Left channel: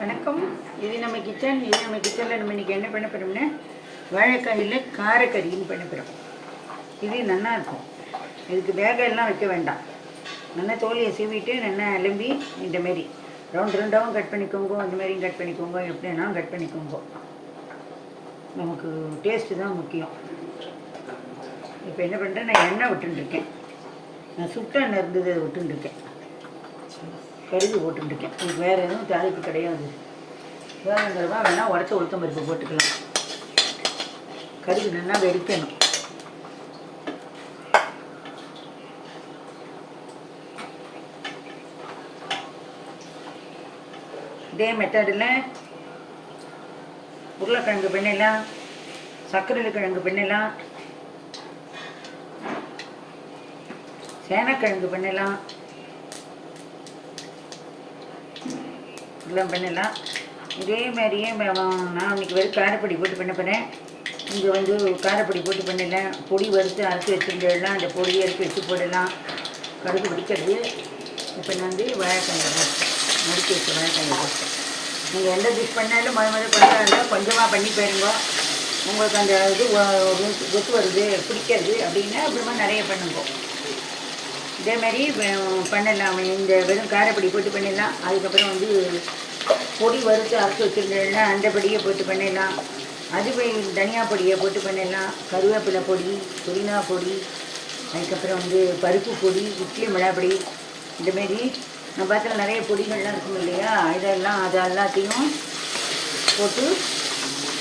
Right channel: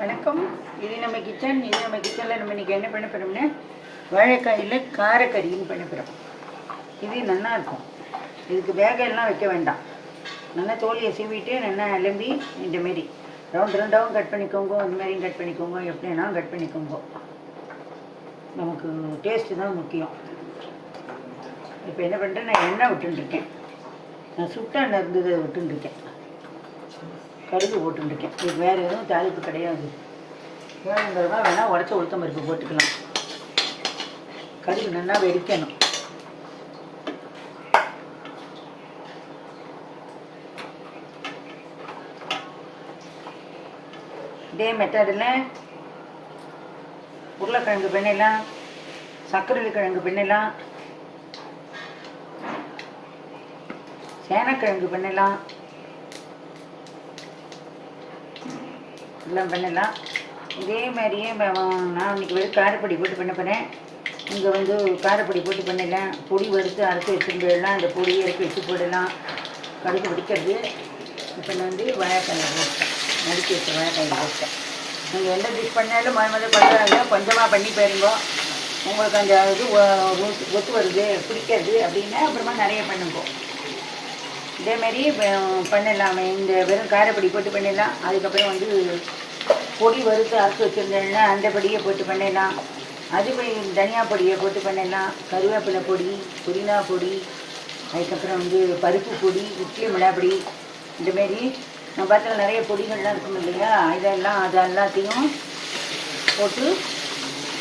வணக்கம். இது நம்ம கிச்சன் இது நம்ம கிச்சனில் நம்ம இன்றைக்கி என்ன பண்ண போகிறோம்னா வாழைக்காயில் காரக்கறின்னு பண்ண போகிறோம் இது நல்லாயிருக்கும் இதுக்கு வேக எல்லாம் வைக்க வேண்டாம். நல்லா தோலியை சீவிட்டு நல்லா அலம்பி இந்த மாரி ரவுண்ட் ரவுண்டாகவும் கட் பண்ணிக்கோங்க. அந்த மாதிரியும் கட் பண்ணிக்கோங்க. எப்படினாலும் கட் பண்ணிக்கோங்க. நமக்கு டேஸ்ட்டு தான் முக்கியம். இப்போ என்ன பண்ணுறேன் நான் எண்ணெய் விட்டுருக்கேன் நான் சுட்டாக எண்ணெய் இருந்தது விட்டுருக்கேன் கடுகு போட்டுருக்கேன் இது வேறு எதுவும் தாளிப்பு கிடையாது. வேணுங்கிறவா வேணால் உடச்ச உளுத்தம் பருப்பு போட்டுக்கலாம். கடுகு நல்லா வெடிக்கணும். இதே மெத்தடில் உருளைக்கிழங்கு பண்ணிடலாம் சர்க்கரை கிழங்கு பண்ணிடலாம் சேனக்கிழங்கு பண்ணிடலாம் எல்லாம் பண்ணலாம். இதே மாதிரியே நான் இன்றைக்கி வெறும் காரப்பொடி போட்டு பண்ண போகிறேன் இங்கே வந்து காரப்பொடி போட்டு பண்ணலாம் பொடி வறுத்து அரைச்சி போயிடலாம் அந்த பொடியை இறக்கி வச்சு போடலாம். கடுகு பிடிக்கிறது இப்போ வந்து வாழைக்காய் முடிக்க வச்சு வாழைக்காய் போட்டேன் நீங்கள் எந்த டிஷ் பண்ணாலும் மொதல் மறு பண்ணுறாங்க கொஞ்சமாக பண்ணி போயிருங்க உங்களுக்கு அந்த இது ஒ- ஒத்து வருது பிடிக்கிறது அப்படின்னா அப்புறமா நிறைய பண்ணுங்க. இதேமாரி பண்ணலாம். இந்த வெறும் காரப்பொடி போட்டு பண்ணிடலாம். அதுக்கப்புறம் வந்து பொடி வறுத்து அரைச்சி வச்சுருந்தேன்னா அந்த பொடியை போட்டு பண்ணிடலாம் அது தனியா பொடியை போட்டு பண்ணிடலாம் கருவேப்பிலை பொடி புதினா பொடி அதுக்கப்புறம் வந்து பருப்பு பொடி இட்லி மிளகாப்பொடி இந்தமாரி நம்ம பார்த்துல நிறைய பொடிகள்லாம் இருக்கும் இல்லையா? இதெல்லாம் அது எல்லாத்தையும் போட்டு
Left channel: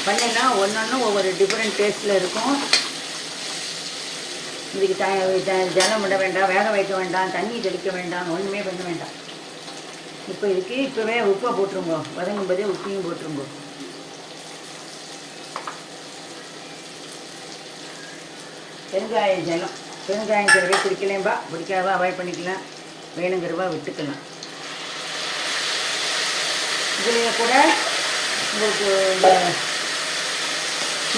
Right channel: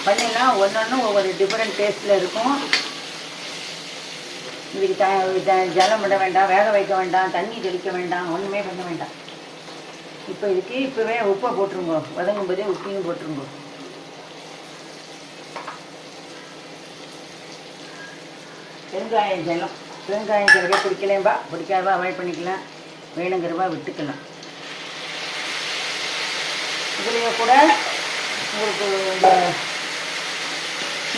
பண்ணிடலாம் ஒன்று ஒவ்வொரு டிஃப்ரெண்ட் டேஸ்ட்டில் இருக்கும். இதுக்கு த- ஜலம் விட வேண்டாம் வேக வைக்க வேண்டாம் தண்ணி தெளிக்க வேண்டாம் ஒன்றுமே பண்ண வேண்டாம். இப்போ இதுக்கு இப்போவே உப்பை போட்டுருங்க. வதங்கும் போதே உப்பையும் போட்டுருங்க. பெருங்காயம் ஜலம் பெருங்காயம் சில பேர் பிடிக்கலேம்பா பிடிக்காதான் அவாய்ட் பண்ணிக்கலாம். வேணுங்கிறவா விட்டுக்கலாம். இதுலேயே கூட உங்களுக்கு இந்த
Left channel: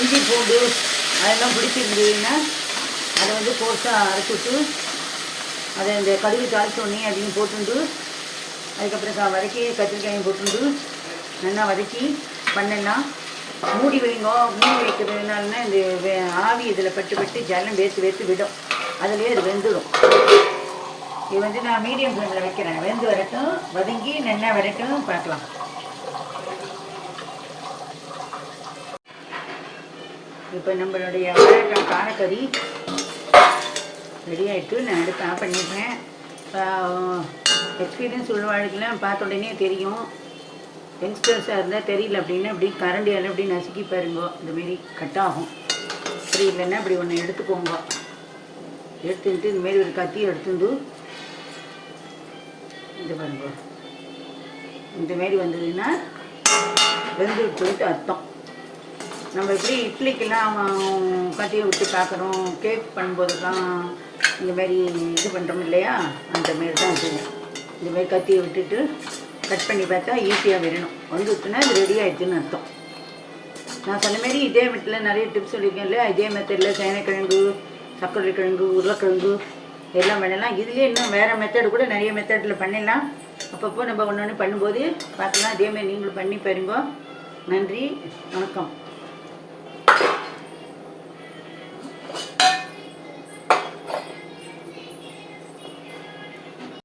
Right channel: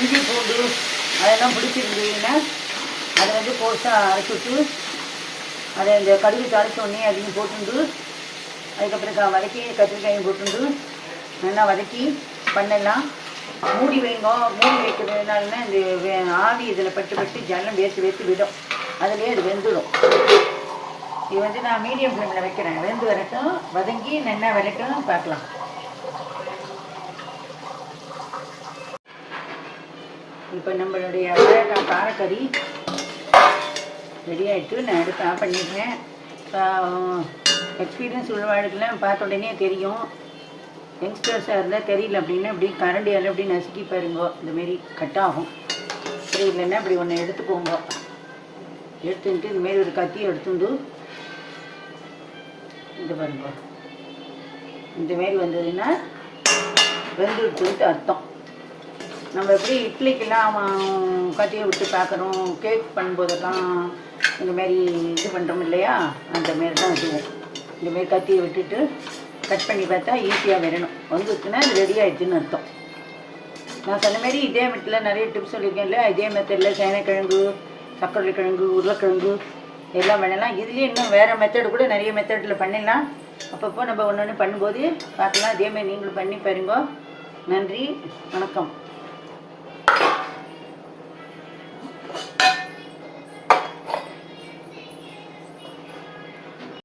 இஞ்சி பூண்டு அதெல்லாம் பிடிச்சிருந்தீங்கன்னா அதை வந்து போட்டு அரைச்சிட்டு அதை இந்த கடுகு அரைச்ச உடனே போட்டுட்டு அதுக்கப்புறம் க- வதக்கி கத்திரிக்காயும் போட்டு நல்லா வதக்கி பண்ணலாம். மூடி வைங்கோ மூடி வைக்கிறதுனால இந்த வே- ஆவி இதில் பட்டு பட்டு ஜலம் வேத்து வேத்து விடும். அதுலேயே அது வெந்துடும் இது வந்து நான் மீடியம் ஃப்ளேமில் வைக்கிறேன். வெந்து வரைக்கும் வதங்கி நல்லா வரைக்கும் பார்க்கலாம். இப்போ நம்மளுடைய வாழைக்காய் ரெடி ஆகிட்டு நான் எடுத்து ஆஃப் பண்ணிடுறேன். எக்ஸ்பீரியன்ஸ் உள்ளவாழ்க்கெல்லாம் பார்த்த உடனே தெரியும். யங்ஸ்டர்ஸாக இருந்தால் தெரியல அப்படின்னா இப்படி கரண்டியால் அப்படி நசுக்கி பாருங்க இந்தமாரி கட் ஆகும். சரி இல்லைன்னா இப்படி ஒன்று எடுத்துக்கோங்க. எடுத்துட்டு இந்தமாரி ஒரு கத்தி எடுத்துட்டு இது பாருங்க. இந்த மாரி வந்ததுன்னா விட்டு அர்த்தம். நம்ம எப்படி இட்லிக்கெல்லாம் கத்தியை விட்டு பார்க்குறோம் கேக் பண்ணும்போதெல்லாம் இந்த மாதிரி இது பண்ணுறோம் இல்லையா? அந்த மாரி தான் இதுவும் இந்த கத்தியை விட்டுட்டு கட் பண்ணி பார்த்தா ஈஸியாக வரணும் வந்துச்சுன்னா அது ரெடி ஆயிடுச்சுன்னு அர்த்தம். நான் சொன்ன மாதிரி இதே மெத்தில் நிறைய டிப்ஸ் சொல்லியிருக்கேன் இல்லையா? இதே மெத்தடில் சேனைக்கிழங்கு சக்கரை கிழங்கு உருளைக்கிழங்கு எல்லாம் பண்ணலாம். இதுலேயே இன்னும் வேறு மெத்தடு கூட நிறைய மெத்தடில் பண்ணிடலாம். அப்பப்போ நம்ம ஒன்று ஒன்று பண்ணும்போது பார்க்கலாம். இதேமாதிரி நீங்களும் பண்ணி பாருங்க. நன்றி. வணக்கம்.